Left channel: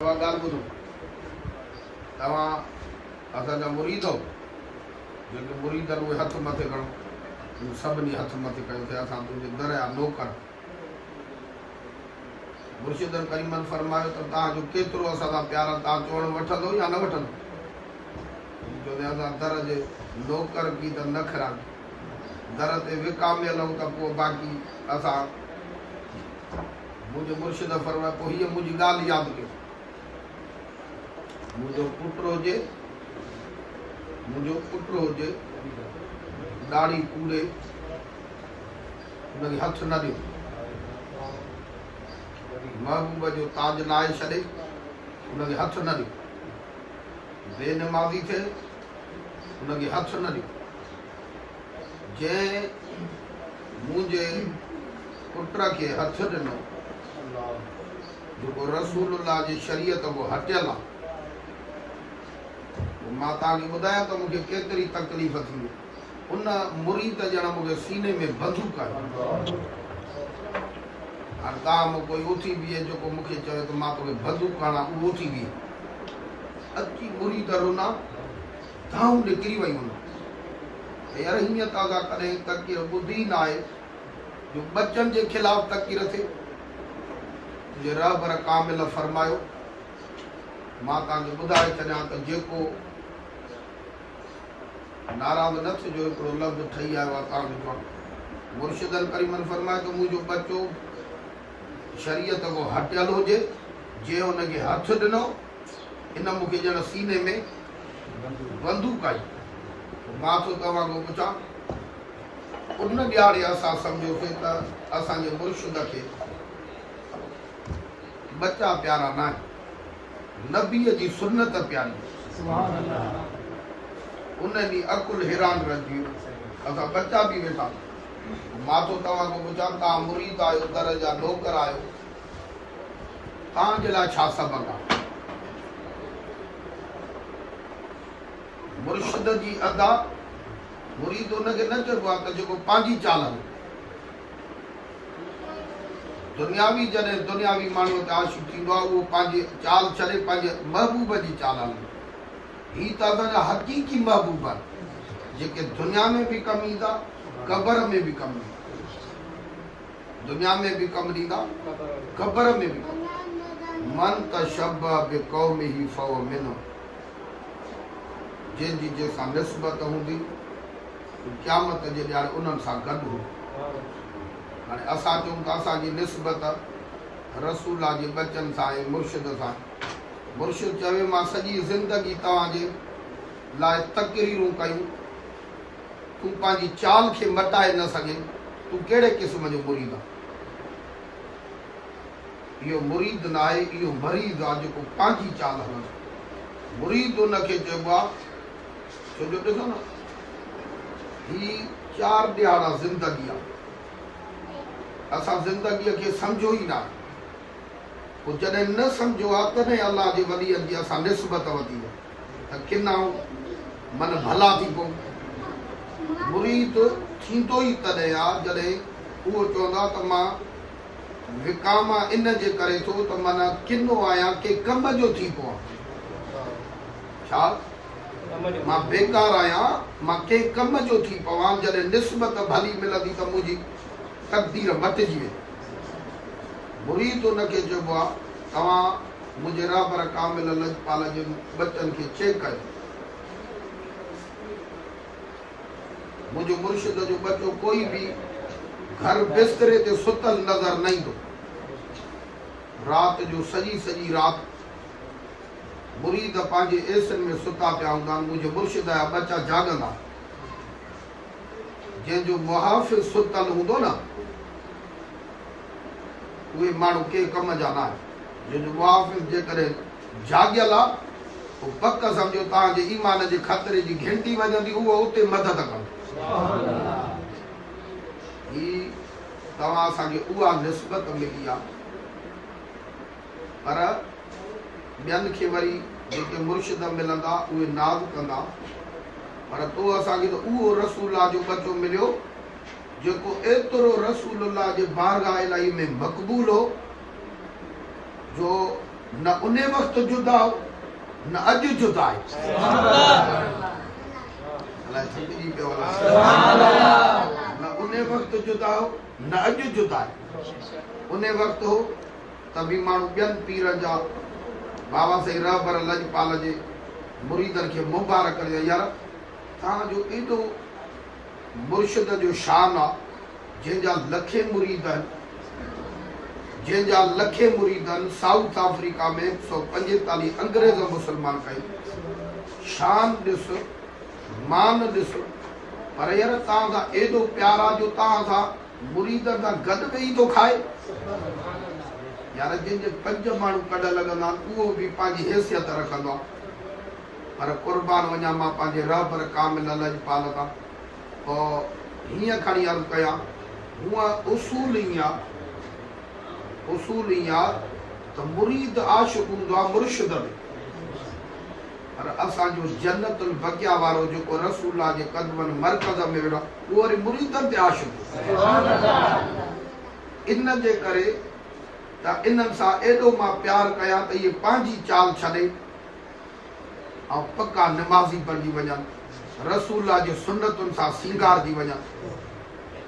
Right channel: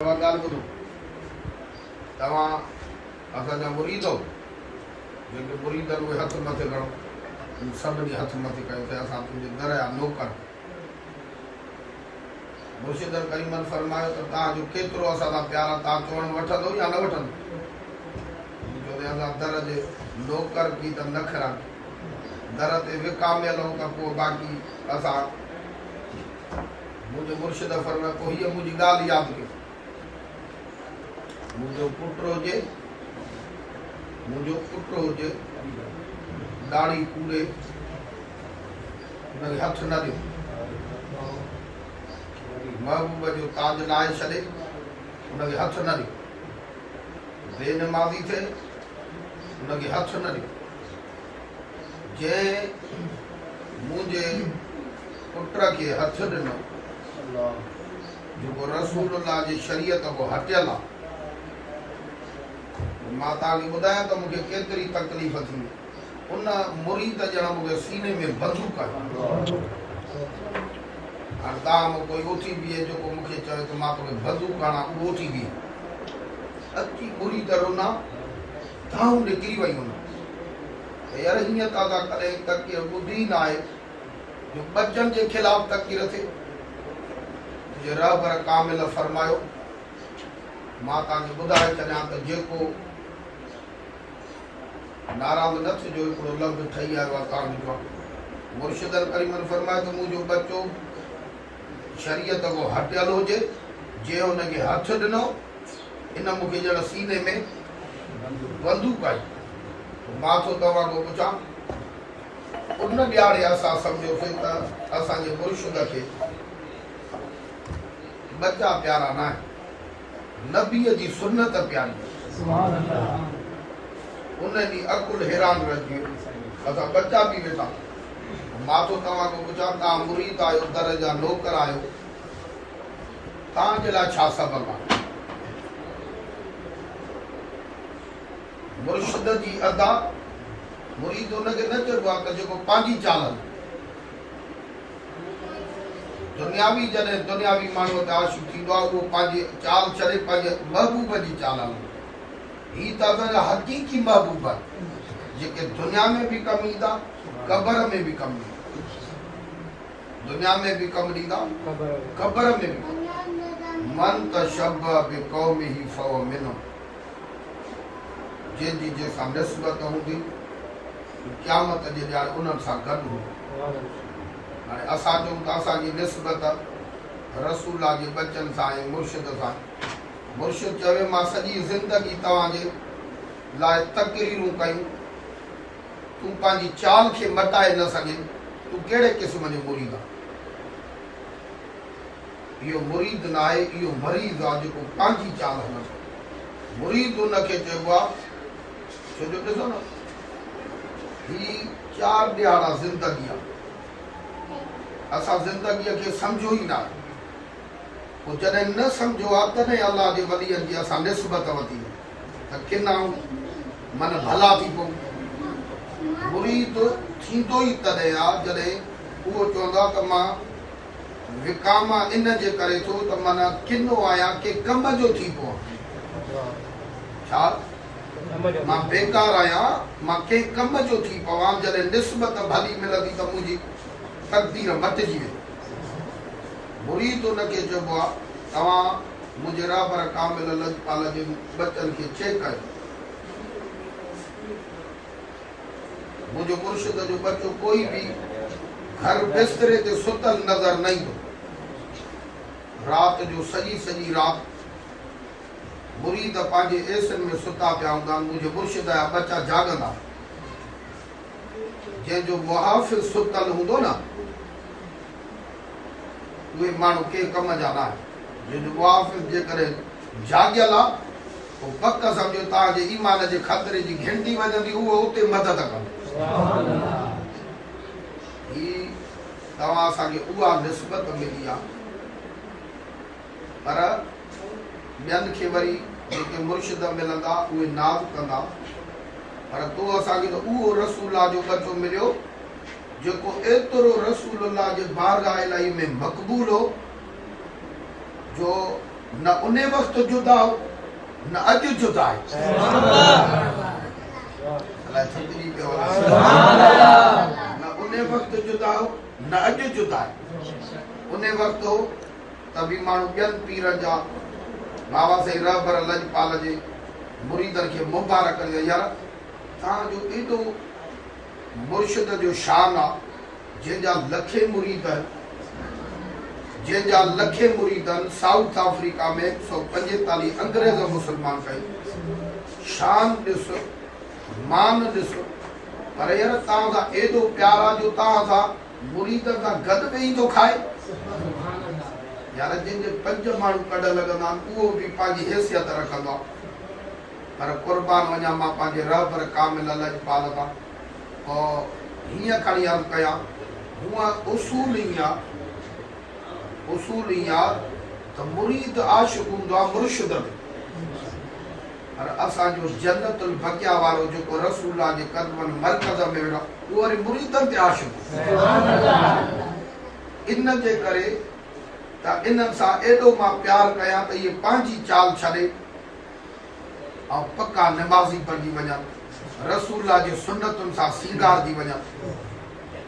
ॻाल्हि ॿुधो, तव्हां असांजा मुरीद हो, जेके मुरीद आहिनि उहे हथ मथे खणो, सभिनी हथ मथे कयो त असां तुंहिंजे दर जा नौकर। मुर्शिद करीमन फरमायो त तव्हांजो केतिरो असां सां प्यार आहे, तव्हां चवण वठंदो या न वठंदो? जो असां दर जे नौकर की त न खणनि, दर ते विकामियल हूं त पोइ बाक़ी असां। मुंहिंजो मुर्शिद फरमायो पोइ हीअ मुंहिंजी ॻाल्हि यादि कयो, मुंहिंजो पुट हुजे दाढ़ी कूड़े हुनखे हथ न ॾियो, महबूब जो ताज लाहे छॾे हुनखे हथ न ॾियो, बेनमाज़ी थिए हुनखे हथ न ॾियो। जंहिं मुंहिंजे पुट खे हथ ॾिनो जेको रसूलुल्लाह जी शरीयत खां हटियल आहे, मां तव्हांखे ॿुधायां त मूंखे केतिरी तकलीफ़ थी। उन मुरीद ॼण मूंखे सीने में बंदूक आहे। हाणे तव्हां मूं कोई उथी बीहे जेको मूंखे चयो त मां तोखे बंदूक हणां, उहो उथी बीहे अची मुरीद रोना धाऊं निकिरी वई हुन। यार हीअं ताज़ा करे तकीर ॿुधी न आहे जो बचनि जे ख़िलाफ़ तकीर थिए। तुंहिंजे रहबर कामिल फरमायो, मां तव्हांखे ॿुधाए छॾियां त जेको नाराज़ न थिजो, हिकिड़ो लफ़्ज़ ठही आयो आहे तव्हांजो। मुर्शिद करीमन फरमाए त मुंहिंजो बच्चो शरीयत खां हटियल हुजे, जंहिं हुनखे हथ ॾिनो इन मूंखे ॼण सीने में बंदूक आई। मां थो तव्हां खां पुछां, उन ॾियारे असां सम्झोसीं त असांजे मुर्शिद खे बच्चा प्यारा न आहिनि, नबीअ जी सुन्नत प्यारी। उन ॾींहुं अकुल हैरान रहिजी वियो, असां बच्चा बि वेठा। मां थो तव्हां खां पुछां, तव्हां मुरीद आहियो, दर जा नौकर आहियो, तव्हांजे लाइ छा सबबु आहे? मुर्शिद जी अदा मुरीद हुनखे न चइबो आहे त जेको पंहिंजी चाल हले। दुनियावी जॾहिं दुनियावी माण्हूअ ते आशिक़ थींदो आहे, उहो पंहिंजी चाल छॾे पंहिंजे महबूब जी चाल हले। ही त असांजा हक़ीक़ी महबूब आहिनि, जेके दुनिया में बि कमु ईंदा, क़बर में बि कमु ईंदा। दुनिया में बि कमु ॾींदा, क़बर में बि। मन तशब्बह बिक़ौमिही फहुव मिन्हुम, जंहिंजी जंहिंसां निस्बत हूंदी क़यामत जे ॾींहुं उन्हनि सां गॾु हूंदो। हाणे असां चऊं त असांजी निस्बत रसूल जे बचनि सां ऐं मुर्शिद सां। मुर्शिद चवे मां सॼी ज़िंदगी तव्हांजे लाइ तकरीरूं कयूं, तूं पंहिंजी चाल खे मटाए न सघे, तूं कहिड़े क़िस्म जो मुरीद आहे? इहो मुरीद न आहे, इहो मरीज़ आहे जेको पंहिंजी चाल हलंदो। मुरीद उनखे चइबो आहे, छो जो ॾिसो न, ही 4 ॾियारा ज़िंदगी आहे, असां ज़िंदगीअ खे सम्झो ई न आहे। पोइ जॾहिं न सम्झो आहे तॾहिं अलाह जे वलीअनि जी असां निस्बत वधी त किना मन भला थी पऊं। मुरीद थींदो ई तॾहिं आहे जॾहिं उहो चवंदो आहे त मां विकामा इन जे करे थो त माना किनो आहियां के कम जो थी पवां। छा मां बेकार आहियां, मां के कम जो थी पवां। जॾहिं निस्बत भली मिलंदी त मुंहिंजी तक़दीर मटिजी वेंदी। मुरीद उनखे चइबो आहे, तव्हां मुंहिंजे रहबर कामिल लजपाल जे बचनि खे चेक कयो। मुंहिंजो मुर्शिद जो बच्चो कोई बि घर बिस्तरे ते सुतल नज़र न ईंदो। राति जो सॼी राति मुरीद पंहिंजे एसिन में सुता पिया हूंदा, मुंहिंजे मुर्शिद जा बच्चा जाॻंदा। जंहिंजो मुहाफ़िज़ सुतल हूंदो न, उहे माण्हू के कम जा न आहिनि। जंहिंजो मुहाफ़िज़ जे करे जाॻियल आहे, पोइ पक सम्झो तव्हांजे ईमान जे ख़तरे जी घंटी वॼंदी, उहो उते मदद कंदो। ही तव्हां असांखे उहा निस्बत मिली आहे। पर ॿियनि खे वरी जेके मुर्शिद मिलंदा उहे नाज़ कंदा, पर तो असांखे त उहो रसूल जो बच्चो मिलियो जेको एतिरो रसूलुल्लाह जे बारगाह इलाही में मक़बूल हो, जो न उन वक़्तु जुदा हो न अॼु जुदा आहे। अलाए छा पियो न उन वक़्तु जुदा हो न अॼु जुदा आहे। उन वक़्तु हो त बि माण्हू ॿियनि पीरनि जा बाबा साईं रहबर लजपाल जे मुरीदनि खे मुबारक ॾियो, यार तव्हांजो एॾो मुर्शिद जो शान आहे जंहिंजा लखे मुरीद आहिनि, जंहिंजा लखे मुरीद आहिनि। साउथ अफ्रीका में 145 अंग्रेज़ मुस्लमान कई, शान ॾिस मान ॾिस, पर यार तव्हां सां एॾो प्यार आहे जो तव्हां सां मुरीदनि सां गॾु वेही थो खाए। यार जंहिंजे 5 माण्हू कॾ लॻंदा आहिनि उहो बि पंहिंजी हैसियत रखंदो आहे। पर क़ुर्बान वञा मां पंहिंजे रहबर कामिल लजपाल तां और हीअं खणी अर्ज़ु कयां, हूअं उसूल ई आहे त मुरीद आशिक़ हूंदो आहे मुर्शिद में, पर असांजो जन्नतुल बक़िया वारो जेको रसूलुल्लाह जे क़दमनि मरकज़ में वेठो उहो वरी मुरीदनि ते आशिक़। इन जे करे त इन्हनि सां एॾो मां प्यार कयां त इहे पंहिंजी चाल छॾे ऐं पका निमाज़ी बणिजी वञनि, रसूलुल्लाह जी सुन्नतुनि सां सींगारजी वञनि।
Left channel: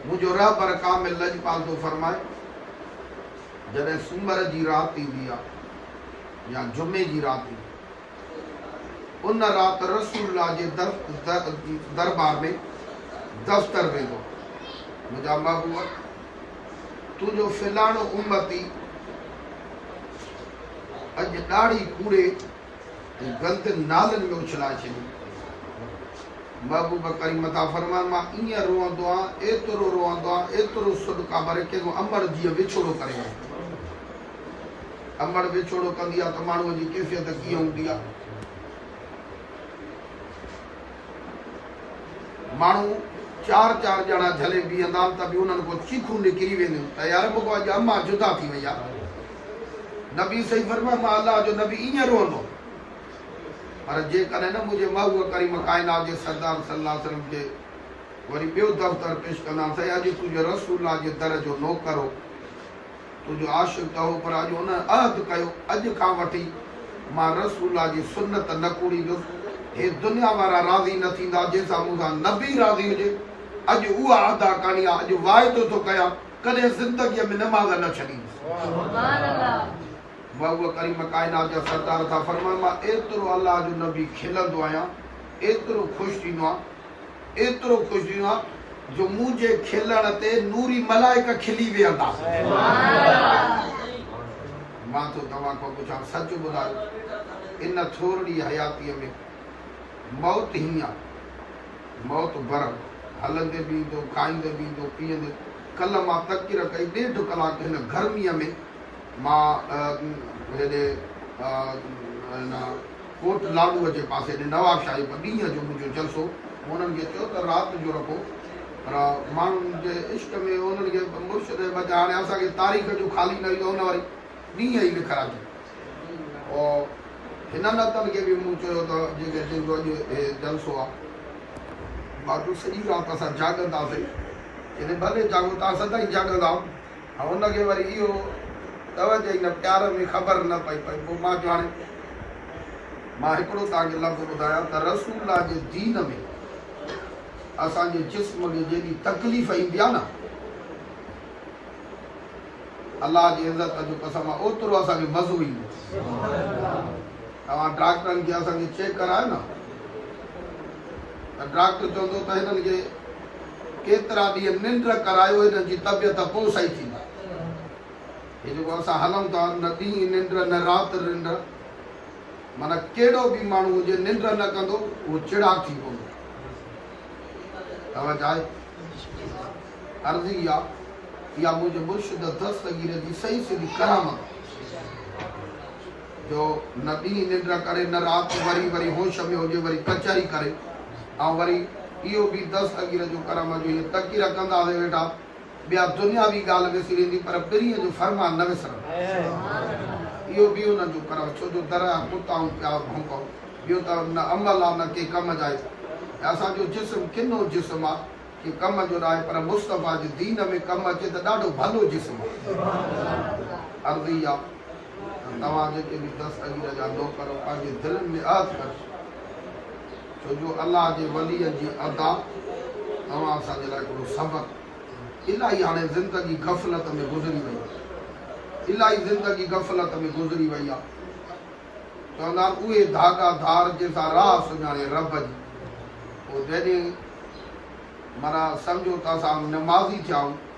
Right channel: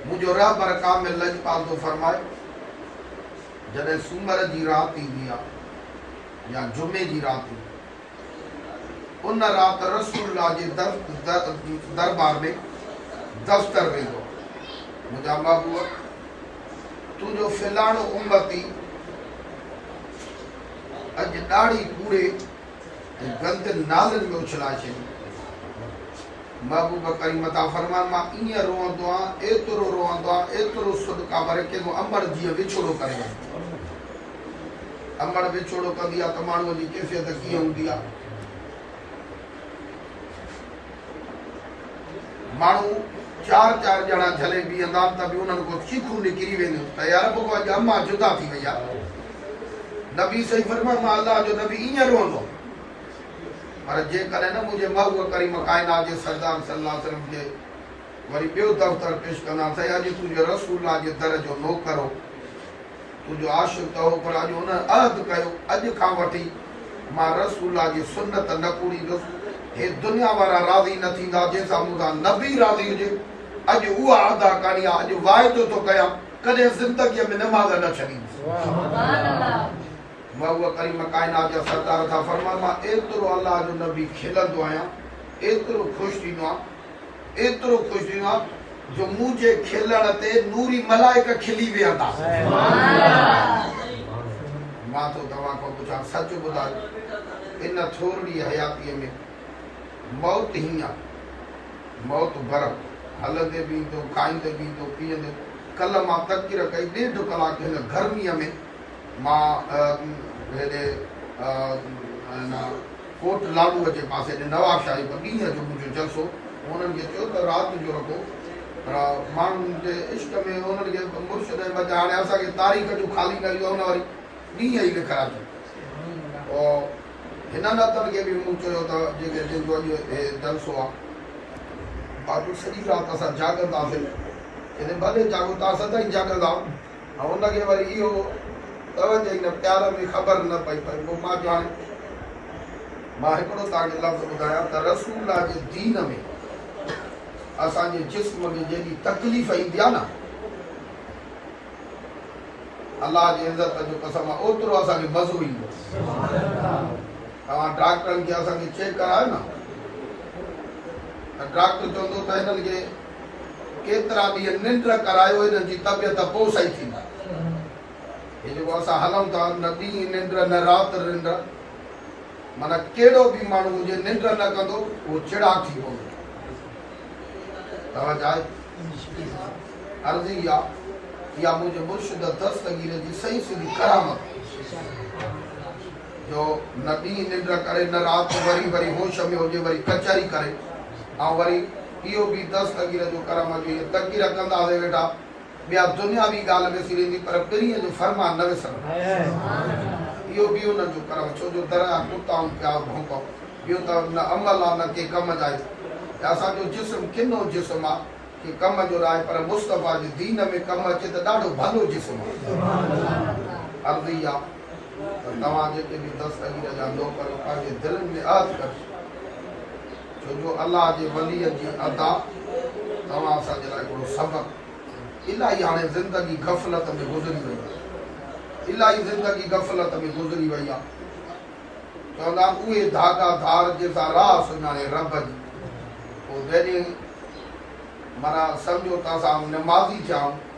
मुंहिंजो रहबर कामिल लजपाल थो फरमाए, जॾहिं सूमर जी राति ईंदी आहे या जुमे जी राति, उन राति रसूलुल्लाह जे दरबार में दफ़्तर वेंदो, मुंहिंजा महबूब तुंहिंजो फिलाणो उम्मती अॼु ॾाढी पूरे गंद नालनि में उछलाए छॾी। महबूब करीम था फरमान, मां ईअं रोअंदो आहियां, एतिरो रोअंदो आहियां, एतिरो सुॾका भरे कंहिंजो अमड़ जीअं विछोड़ो करे। अमड़ विछोड़ो कंदी आहे त माण्हूअ जी कैफ़ियत कीअं हूंदी आहे। माण्हू 4 ॼणा झले बीहंदा आहिनि त बि उन्हनि खां चीखूं निकिरी वेंदियूं त यार पोइ अॼु अम्मा जुदा थी वई आहे। नबी सही फरमाए, मां अलाह जो नबी ईअं रोअंदो, पर जेकॾहिं न मुंहिंजे महबूब करीम काइनात जे सरदार सल्लल्लाहु अलैहि वसल्लम जे वरी ॿियो दफ़्तर पेश कंदा, साईं अॼु तुंहिंजे रसूलुल्लाह जे दर जो नौकर हो, तुंहिंजो आशिक़ त हो, पर अॼु हुन अहद कयो अॼु खां वठी मां रसूलुल्लाह जी सुन्नत न कूड़ींदुसि। हे दुनिया वारा राज़ी न थींदा जंहिंसां मूंसां नबी राज़ी हुजे, अॼु उहा अदा करणी आहे। अॼु वाइदो थो कयां कॾहिं ज़िंदगीअ में नमाज़ न छॾींदुसि। महबूब करीम काइनात जा सरदार था फरमाइनि, मां एतिरो अलाह जो नबी खिलंदो आहियां, एतिरो ख़ुशि थींदो आहे, एतिरो ख़ुशि थींदो आहे जो मुंहिंजे खिलण ते नूरी मलाइक खिली वेहंदा। मां तो तव्हां खां पुछां, सच ॿुधायो, इन थोरी हयातीअ में मौत हीअं आहे, मौत बरफ़ हलंदे बि ईंदो, खाईंदे बि ईंदो, पीअंदे। कल्ह मां तक़रीर कई 1.5 कलाक हिन गर्मीअ में, मां हेॾे कोट लाडूअ जे पासे ॾे नवाबशाही पर ॾींहं जो मुंहिंजो जलसो, उन्हनि खे चयो त राति जो रखो, पर माण्हुनि जे इश्क में उन्हनि खे मुर्शिद बचा, हाणे असांखे तारीख़ जो ख़ाली न ईंदो, हुन वरी ॾींहं ई लिखाराए और हिननि हथनि खे बि मूं चयो त जेके जंहिंजो अॼु हे जलसो आहे, बाक़ी सॼी राति असां जाॻंदासीं, हिन भले जाॻो तव्हां सदाईं जाॻंदा, ऐं हुनखे वरी इहो तवजो ई न, प्यार में ख़बर न पई पई। पोइ मां चयो, हाणे मां हिकिड़ो तव्हांखे लफ़्ज़ ॿुधायां त रसूलुल्लाह जे दीन में असांजे जिस्म खे जेॾी तकलीफ़ ईंदी आहे न, अलाह जी इज़त जो कसम आहे, ओतिरो असांखे मज़ो ईंदो। तव्हां डॉक्टरनि खे असांखे चेक करायो न, त डॉक्टर चवंदो त हिननि खे केतिरा ॾींहं निंड करायो, हिननि जी तबियत पोइ सही थींदा। हे जेको असां हलूं था, न ॾींहुं निंड न राति निंड, माना कहिड़ो बि माण्हू हुजे निंड न कंदो उहो चिड़ा थी पवंदो। तव्हां चाहे अर्ज़ी आहे, इहा मुंहिंजे मुर्शिद दस्तगीर जी सही सिधी करामत जो न ॾींहुं निंड करे न राति, वरी वरी होश में हुजे, वरी कचहरी करे, ऐं वरी इहो बि दस्तगीर जो करामत जो तक़ीर कंदासीं वेठा, ॿिया दुनियावी ॻाल्हि विसरी वेंदी, पर ॿिन्हीअ जो फरमान न विसरंदो। इहो बि हुननि जो करम, छो जो दर कुताऊं पिया भौंको, ॿियो त न अमल आहे न के कम जा आहे। असांजो जिस्म किनो जिस्म आहे कि कम जो न आहे, पर मुस्तफ़ा जे दीन में कमु अचे त ॾाढो भलो जिस्म आहे। अर्ज़ी आहे तव्हां जेके बि दस्तगीर जा नौकर पंहिंजे दिलनि में अहद कर छो जो अलाह जे वलीअ जी अदा तव्हां असांजे लाइ हिकिड़ो सबक़ इलाही हाणे ज़िंदगी गफ़लत में गुज़री वई इलाही ज़िंदगी गफ़लत में गुज़री वई आहे चवंदा आहिनि उहे धागा धार जंहिंसां राह सुञाणे रब जी पोइ जॾहिं माना सम्झो त असां नमाज़ी थिया आहियूं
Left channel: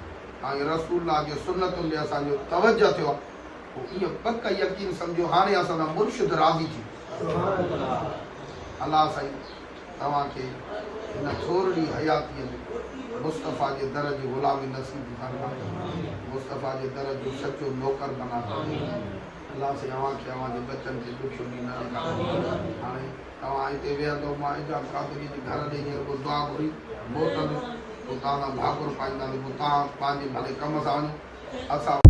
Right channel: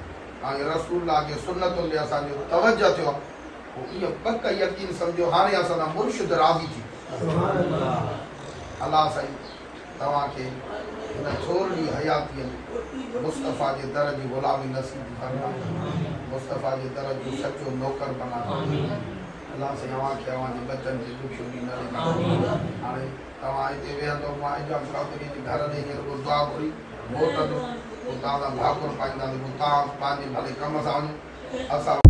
ऐं रसूल जे सुनतुनि ॾे असांजो तवजो थियो आहे पोइ इहो पक यकीन सम्झो हाणे असांजा मुर्शिद राज़ी थी अलाह साईं तव्हांखे हिन छोरड़ी हयातीअ में मुस्तफ़ा जे दर जी ग़ुलामी नसीब फरमा मुस्तफ़ा जे दर जो सचो नौकर बना अलाह साईं तव्हांजे बचनि खे ॾुखियो ॾींहुं न ॾिना हाणे तव्हां हिते वेहंदो मां इजाम कादरी जे घर ॾे हिकिड़ो दुआ घुरी मोटंदो पोइ तव्हां भाकुर पाईंदासीं पोइ तव्हां पंहिंजे भले कम सां वञो असां